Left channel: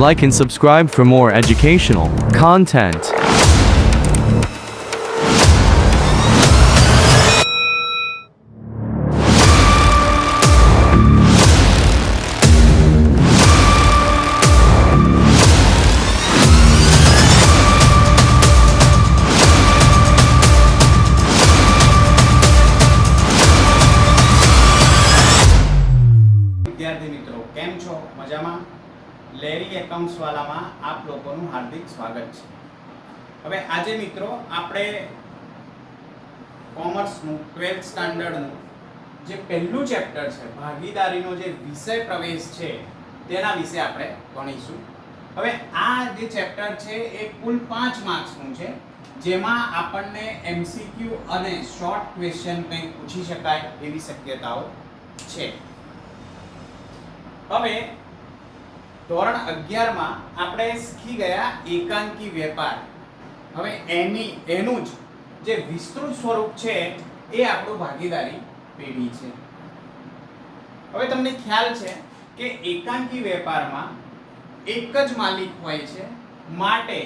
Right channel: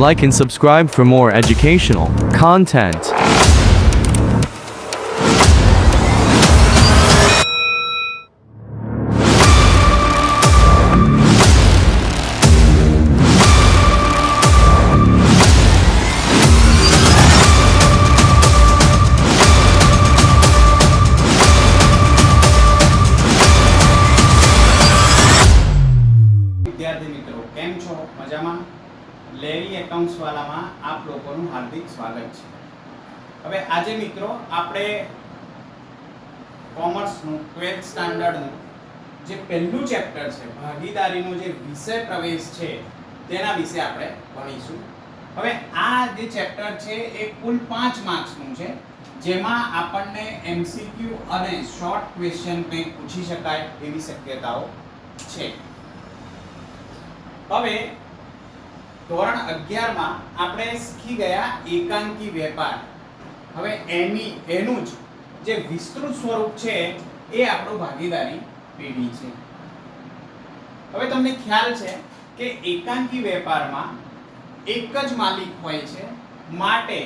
Like and subscribe for more educational content. વિદ્યાર્થી મિત્રો કેમ છો? મજામાં? લેરી એકાઉન્ટ્સ વાલામાં આપ લોકોનું હાર્દિક સ્વાગત છે. હવે આજે મિત્રો આપણે કોમર્સનું 12th સ્ટાન્ડર્ડનું જે પહેલું ચેપ્ટર છે ભાગીદારીનો જે વિષય પ્રવેશ છે તેના વિશે આપણે ભણીશું. હવે આ જે ચેપ્ટર છે એ કુલ 5 માર્ક્સનું છે, જેમાં આપણને MCQ અને શોર્ટ ક્વેશ્ચન કંઈક પૂછી શકાય એવી શક્યતાઓ છે. હવે ધોરણ 11 માં આપણે શીખી ગયા એકાંકી વેપાર. હવે એનું જ જે વિસ્તૃત સ્વરૂપ છે એ આપણું ભાગીદારી પેઢી છે. હવે તમને ખ્યાલ છે કે એકાંકી વેપારમાં એક જ માલિક હોય છે, માટે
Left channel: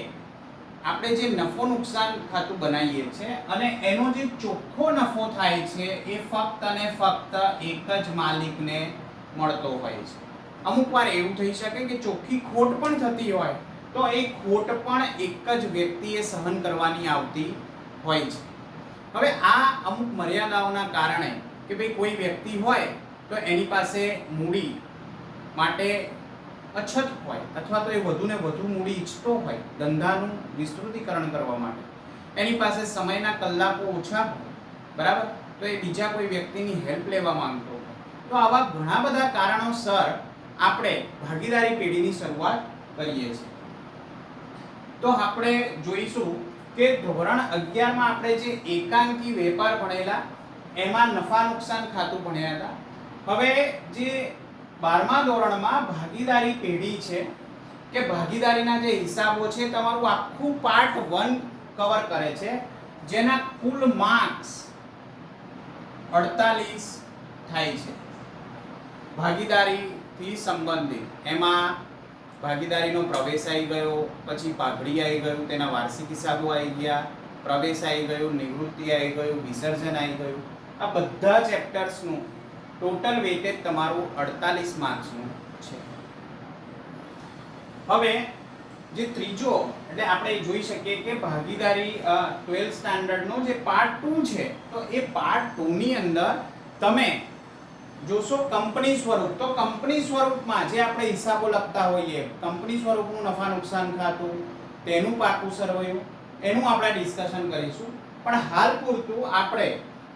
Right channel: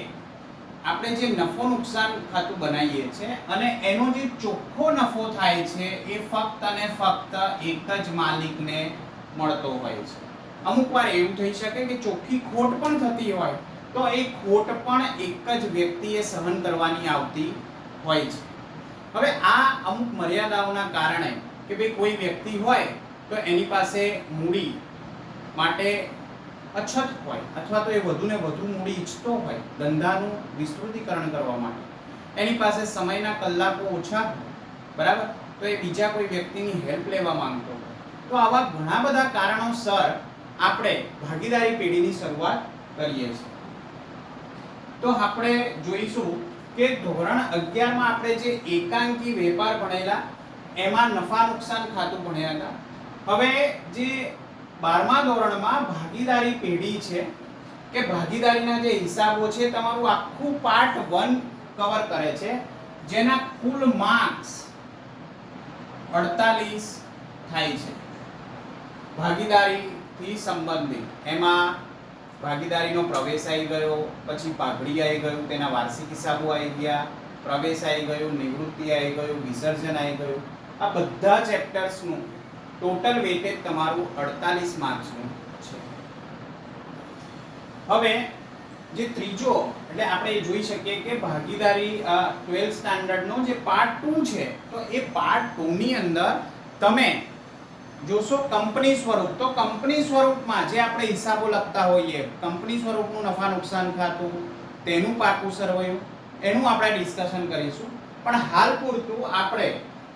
આપણે જે નફો નુકસાન ખાતું બનાવીએ છીએ અને એનો જે ચોખ્ખો નફો થાય છે એ ફક્ત અને ફક્ત એક જ માલિકને મળતો હોય છે. અમુક વાર એવું થઈ શકે કે ચોખ્ખી ખોટ પણ થતી હોય તો એ ખોટ પણ એક જ વ્યક્તિએ સહન કરવાની આવતી હોય છે. હવે આ અમુક મર્યાદાઓના કારણે કે ભાઈ કોઈ વ્યક્તિ હોય તો એની પાસે મૂડી માટે અછત હોય અથવા તો એ વધુને વધુ મૂડી ઈચ્છતો હોય ધંધાનું વિસ્તૃતીકરણ કરવા માટે, એની પાસે સમયના કલાકો ઓછા હોય, બરાબર, તો એ બીજા કોઈ વ્યક્તિની હેલ્પ લેવા માંગતો હોય, તો આવા ઘણા બધા કારણોસર આપણે ભાગીદારી પેઢીની શરૂઆત કરીએ છીએ. તો આપણે જોઈશું કે ધોરણ 11 માં આપણે જે એકાંકી વેપાર ભણેલા એમાં નફા નુકસાન ખાતું ભણ્યા હતા. હવે જે 12મા ધોરણમાં ભાગીદારી પેઢી છે કે ભાગીદારીના જે હિસાબો છે તમારું આખું પાર્ટ 1 કવર કરે છે, જેના કુલ માર્ક્સ 48 થાય છે. ભાગીદારી થી સંબંધિત એમાં ભાગીદારીનો પ્રવેશ આવી ગયો, પછી પાઘડી આવી ગયું, તેના વાર્ષિક હિસાબો આવી ગયા, પ્રવેશ આવી ગયું, નિવૃત્તિ આવી ગયું, વિસર્જન આવી ગયું. આ બધા ચેપ્ટર્સનું ટોટલ વેટેજ તમારું 48 માર્ક્સનું છે. હવે જે ત્રીજો એટલે આપણે જોઈ શકીએ કે ભાગીદારી 12th સ્ટાન્ડર્ડનો જે પાર્ટ 2 છે, તો એ પાર્ટ 2 ની અંદર તમે જોશો કંપની સ્વરૂપ. તો કંપની સ્વરૂપમાં જે આપણે હિસાબો લખતા હોઈએ, કંપની સ્વરૂપનું નફા નુકસાન ખાતું, તેનું પાકું સરવૈયું, એનું આપણે ડિસ્કશન કરીશું. પણ હાલ પૂરતું આપણે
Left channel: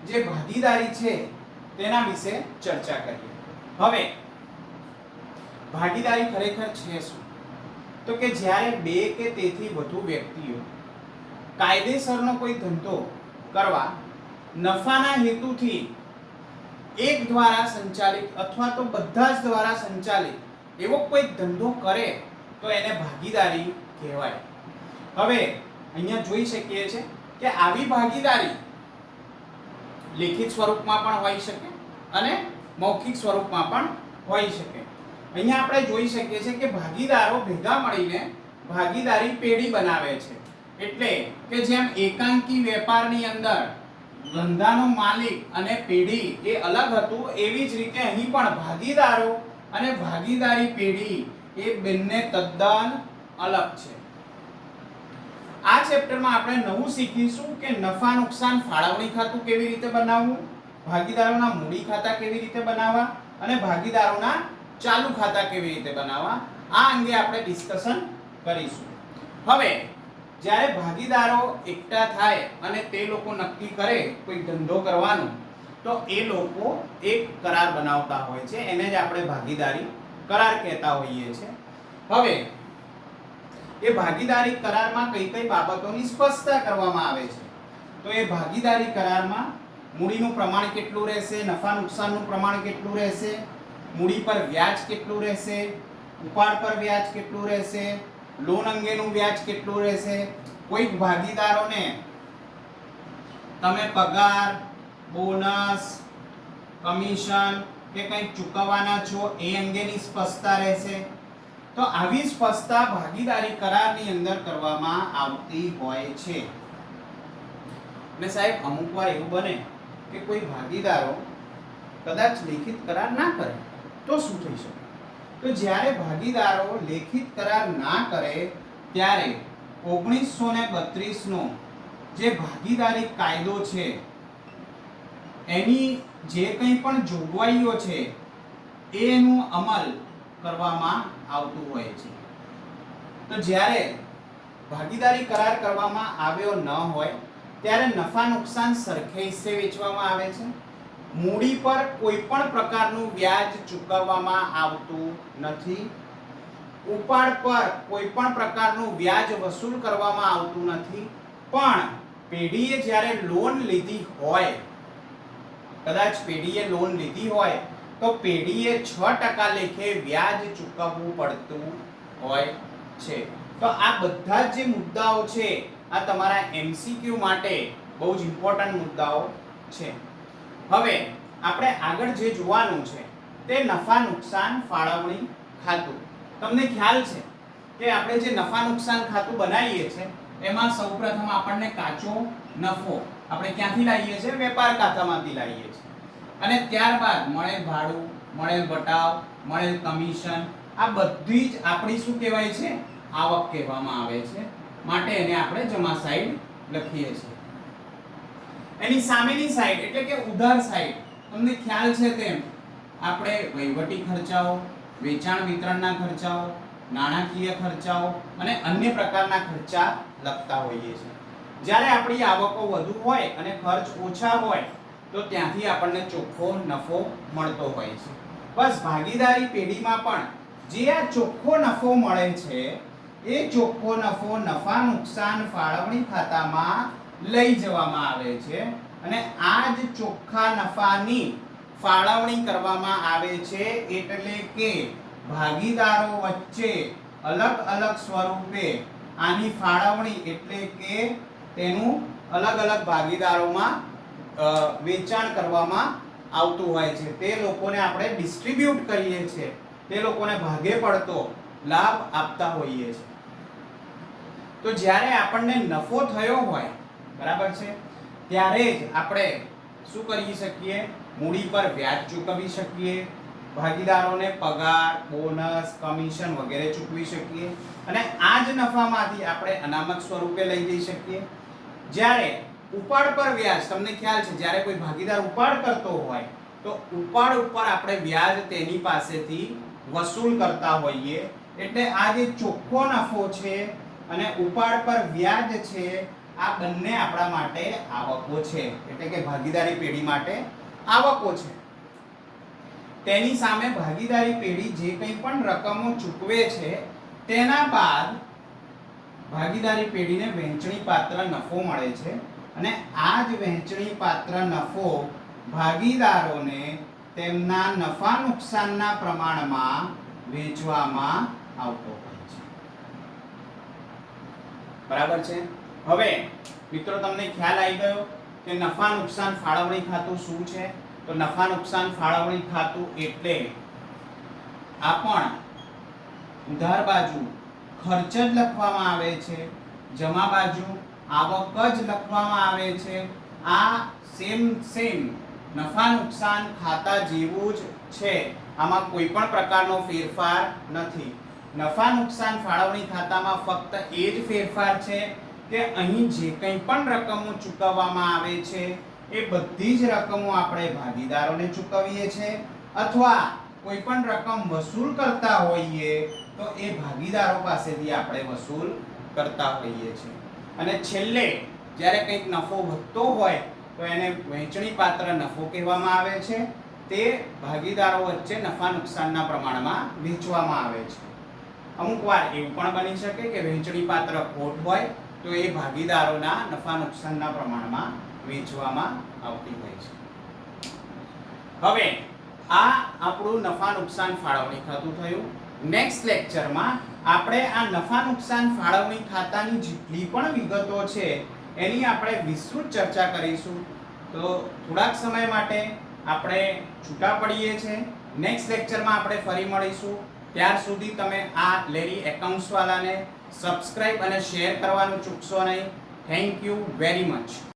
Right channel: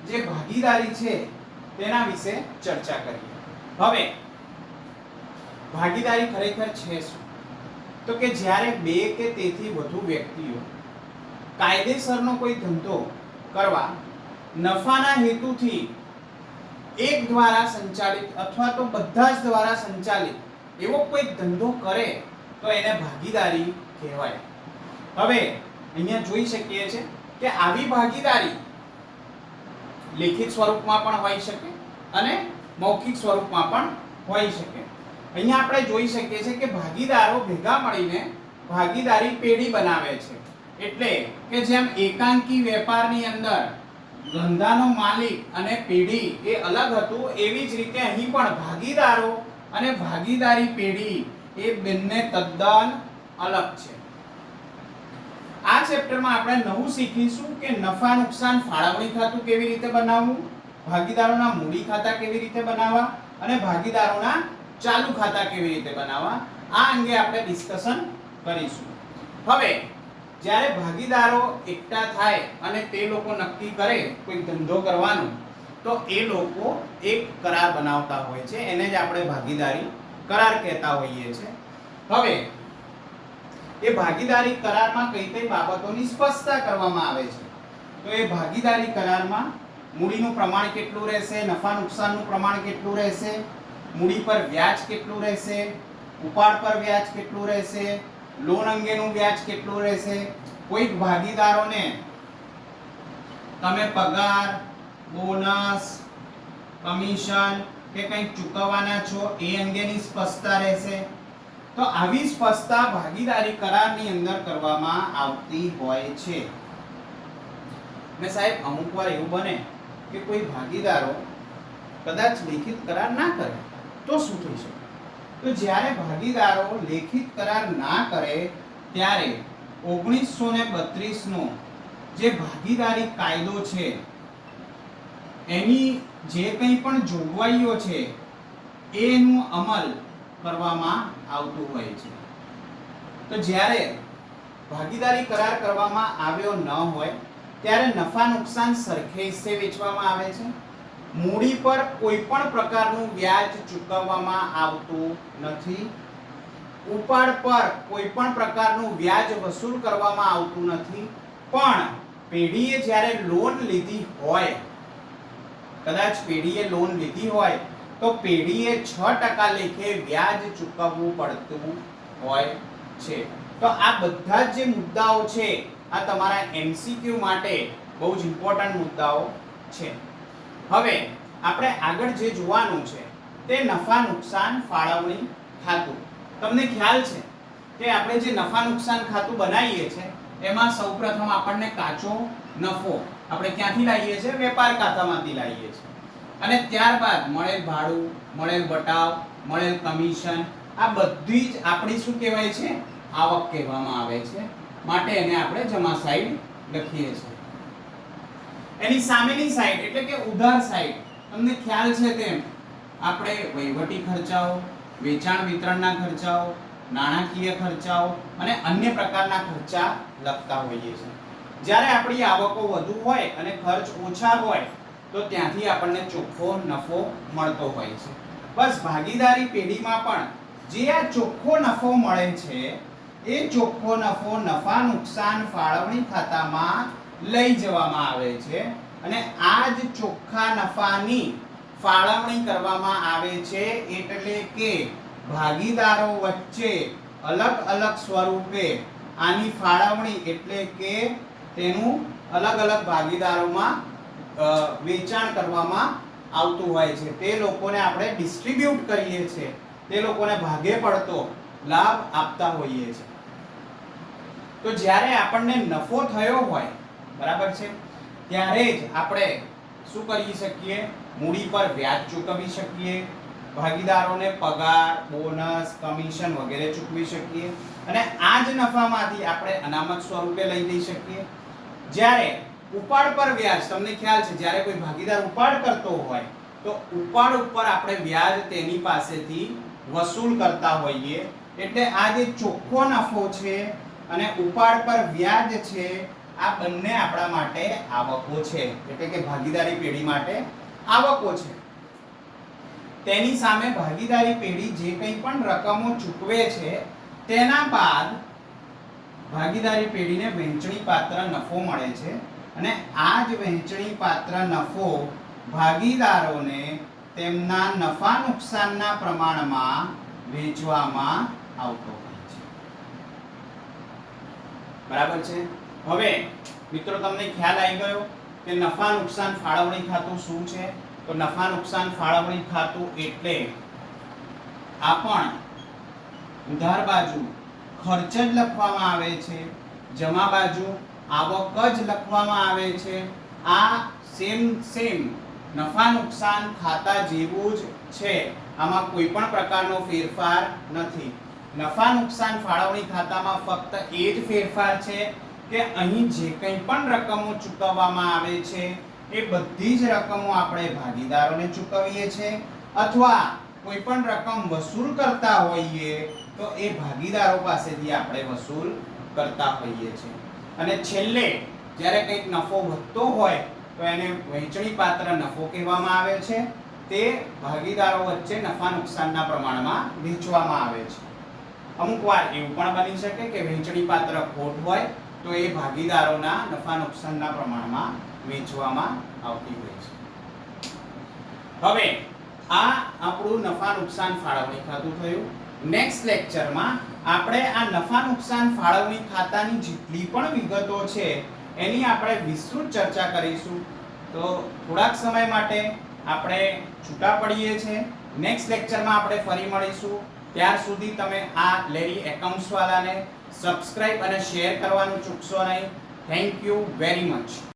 જે ભાગીદારી છે તેના વિશે ચર્ચા કરીએ. હવે ભાગીદારી ખરેખર છે શું? તો કે જ્યારે બે કે તેથી વધુ વ્યક્તિઓ કાયદેસરનો કોઈ ધંધો કરવા નફાના હેતુથી એક દ્વારા સંચાલિત અથવા તો બધા જ દ્વારા સંચાલિત એવો કોઈ ધંધો કરે તો એને ભાગીદારી કહેવાય. હવે અહીંયા જોઈ શકીએ છે કે આવી ભાગીદારી લેખિત સ્વરૂપમાં પણ હોઈ શકે અને મૌખિક સ્વરૂપમાં પણ હોઈ શકે. અહીંયા આપણે જોઈ શકીએ છીએ કે ભાગીદારો ભેગા મળીને ભાગીદારી પેઢી બનાવે છે. એટલે કે જેમ એકાંકી વેપારની અંદર ધંધાનો માલિક અને પેઢી એ અલગ હતું, એવી જ રીતે અહીં પણ ભાગીદારો અને ભાગીદારી પેઢી એ બંને તદ્દન અલગ છે. આ ચેપ્ટરમાં આપણે નવું શીખીશું કે નફા નુકસાન ફાળવણી ખાતું કેવી રીતે બનાવવું, ભાગીદારોના મૂડી ખાતા કેવી રીતે બનાવવા અને ભાગીદારોના ચાલુ ખાતા કેવી રીતે બનાવવા. આ અંગે આપણે ડિસ્કશન કરીશું. હવે જ્યારે ભાગીદારો એકઠા થાય અને તે લોકો નક્કી કરે કોઈ ધંધો કરવાનો, તો એ લોકો એક કરાર બનાવતા હોય છે, એને જ આપણે ભાગીદારી કરાર કહેતા હોઈએ છીએ. હવે એ ભાગીદારી કરારમાં કઈ કઈ બાબતોની સ્પષ્ટતા કરવામાં આવે છે. તો એ ભાગીદારી કરારમાં મૂડીનું પ્રમાણ કેટલું રહેશે, નફા નુકસાનનું પ્રમાણ કેટલું રહેશે, મૂડી પર વ્યાજ કેટલું રહેશે, ઉપાડ પર વ્યાજ કેટલું રહેશે, લોન અંગેનું વ્યાજ કેટલું રહેશે, કોઈ ભાગીદારોને તમે પગાર, બોનસ, કમિશન કે કંઈક ચૂકવવાના છો એ અંગેની સ્પષ્ટતા રહેશે. તો આવી સ્પષ્ટતા ભાગીદારી કરારની અંદર કરવામાં આવતી હોય છે. ને સાહેબ અમુક વાર એવું બને કે કોઈ ભાગીદારો કદાચ લેખિત કરાર ના કરે તો શું થઈ શકે? તો જ્યારે ભાગીદારો લેખિત કરાર ના કરે ત્યારે 1932 નો જે ભાગીદારી કાયદો છે એની જે કંઈ પણ જોગવાઈઓ છે એનું અમલ કરવામાં આવતું હોય છે. તો જ્યારે ભાગીદારી કરાર કરવામાં આવ્યો ન હોય ત્યારે નફા નુકસાન સરખે હિસ્સે વેચવામાં આવે છે. મૂડી પર કોઈ પણ પ્રકારનું વ્યાજ ચૂકવવામાં આવતું નથી. ઉપાડ પર કોઈ પણ પ્રકારનું વ્યાજ વસૂલ કરવામાં આવતું નથી. પણ પેઢીએ જ્યારે લોન લીધી હોય, કદાચ પેઢીએ લોન લીધી હોય તો પેઢીએ 6% લેખે વ્યાજ ચૂકવવું પડતું હોય છે. તો આ બધા જે મુદ્દાઓ છે આ તમારા MCQ માટે બહુ જ ઇમ્પોર્ટન્ટ મુદ્દાઓ છે. હવે આપણે આગળ જે જોવાનું છે તે નફા નુકસાન ફાળવણી ખાતું. તમને ખ્યાલ છે કે આપણે જે નફા નુકસાન ખાતું બનાવીએ છીએ એમાં સૌપ્રથમ આપણને કાચો નફો આપણે ક્યાંથી લાવીએ છીએ? વેપાર ખાતામાંથી લાવીએ છીએ. અને ત્યારબાદ મળેલ ભાડું, મળેલ વટાવ, મળેલ કમિશન, આ બધી જ આપણી શું કહેવાય છે? આવક કહેવામાં આવે છે. માટે એને આપણે જમા સાઈડ લખીએ છીએ. એની સામેની સાઈડ એટલે કે ઉધાર સાઈડ, તમને ખ્યાલ છે તેમ આપણે વહીવટી ખર્ચાઓ, વેચાણ વિતરણના ખર્ચાઓ, નાણાકીય ખર્ચાઓ અને અન્ય પ્રકારના ખર્ચા લખતા હોઈએ છીએ. જ્યારે આપણી આવકો વધુ હોય અને ખર્ચ ઓછા હોય તો ત્યાંથી આપણને ચોખ્ખો નફો મળતો હોય છે. બસ ભાગીદારી પેઢીમાં પણ જે આ ચોખ્ખો નફો મળે છે એ ચોખ્ખો નફો નફા નુકસાન ફાળવણી ખાતામાં લઈ જવામાં આવે છે અને આ જ ચોખ્ખા નફાની ફાળવણી કરવામાં આવે છે. એટલે કે ભાગીદારો વચ્ચે અલગ અલગ સ્વરૂપે આની ફાળવણી એટલે કે તેનું અલગ અલગ ભાગીદારોમાં વેચાણ કરવામાં આવતું હોય છે. તે લોકોને આપણે ડિસ્ટ્રીબ્યુટ કરીએ છીએ, તે લોકોને ભાગે પડતો લાભ આપતા હોઈએ છીએ. તો જ્યારે આપણને નફો થયો હોય, બરાબર છે, ત્યારે જ આપણે શું કરી શકીએ? મૂડી પર વ્યાજ ચૂકવી શકીએ, ભાગીદારોને પગાર, બોનસ, કમિશન વગેરે ચૂકવી શકીએ અને આ જ નફામાંથી આપણે અનામત સ્વરૂપે લઈ જઈ શકીએ. જ્યારે ઉપાડ પર વ્યાજ, તમને ખ્યાલ છે જ્યારે કોઈ ભાગીદાર ઉપાડ કરતો હોય તો ઉપાડ ઉપર આપણે વ્યાજ તેની પાસેથી વસૂલ કરતા હોઈએ. એટલે આ જે ચોખ્ખો નફો છે અને ઉપાડ પર વ્યાજ છે આ બંને આપણા માટે આવકો છે. એટલે કે ભાગીદારી પેઢી માટે આવકો છે. તેની સામે ભાગીદારી પેઢી જે કંઈ પણ રકમો ચૂકવે છે તેના બાદ ભાગીદારી પેઢીને વહેંચણી પાત્ર નફો મળે છે અને આ જ વહેંચણી પાત્ર નફો ભાગીદારોને તેમના નફા નુકસાનના પ્રમાણમાં વેચવામાં આવતો હોય છે. બરાબર છે. હવે મિત્રો તમને ખ્યાલ આવી ગયો કે નફા નુકસાન ફાળવણી ખાતું શું છે? તો નફા નુકસાન ફાળવણી ખાતું એટલે આ પણ ઉધાર બાજુ ખર્ચ જ લખવામાં આવે છે, જમા બાજુ આવક જ લખવામાં આવે છે. આ સેમ નફા નુકસાન ખાતા જેવું જ છે. આમાં કોઈ પણ પ્રકારનો ફેરફાર નથી. નફા નુકસાન ફાળવણી ખાતામાં ફક્ત એ જ ફેરફાર છે કે અહીં જે કંઈ પણ રકમો ચૂકવવામાં આવે છે એ બધી જ રકમો આપણે ભાગીદારોને ચૂકવીએ છીએ અથવા કોઈ પણ રકમ વસૂલ કરતા હોઈએ તો એ ભાગીદારો પાસેથી આપણે વસૂલ કરતા હોઈએ છીએ. અને છેલ્લે જ્યારે કંઈક નફો વધતો હોય તો એને વહેંચણી પાત્ર નફો કહેવામાં આવે છે. તે ભાગીદારો વચ્ચે નફા નુકસાનના પ્રમાણમાં વહેંચવામાં આવે છે. અમુક વાર એવું પણ બની શકે કે વહેંચણી પાત્ર ખોટ હોય તો એ ભાગીદારોના નફા નુકસાનના પ્રમાણમાં વેચવામાં આવતી હોય છે. હવે આ આપણું નફા નુકસાન ફાળવણી ખાતું થયું. નેક્સ્ટ લેક્ચરમાં આપણે આ નફા નુકસાન ફાળવણી ખાતાની જેટલી પણ વિગતો છે એની આપણે વિસ્તૃત ચર્ચા કરીશું. તો થોડાક સમય માટે આપણે છૂટા પડીએ છીએ. નેક્સ્ટ લેક્ચરમાં આપણે ફરી મળીશું. ત્યાર સુધી તમે આ લેરી એકાઉન્ટ્સ વાળાને સબસ્ક્રાઇબ અને શેર કરવાનું ચૂકશો નહીં. Thank you very much.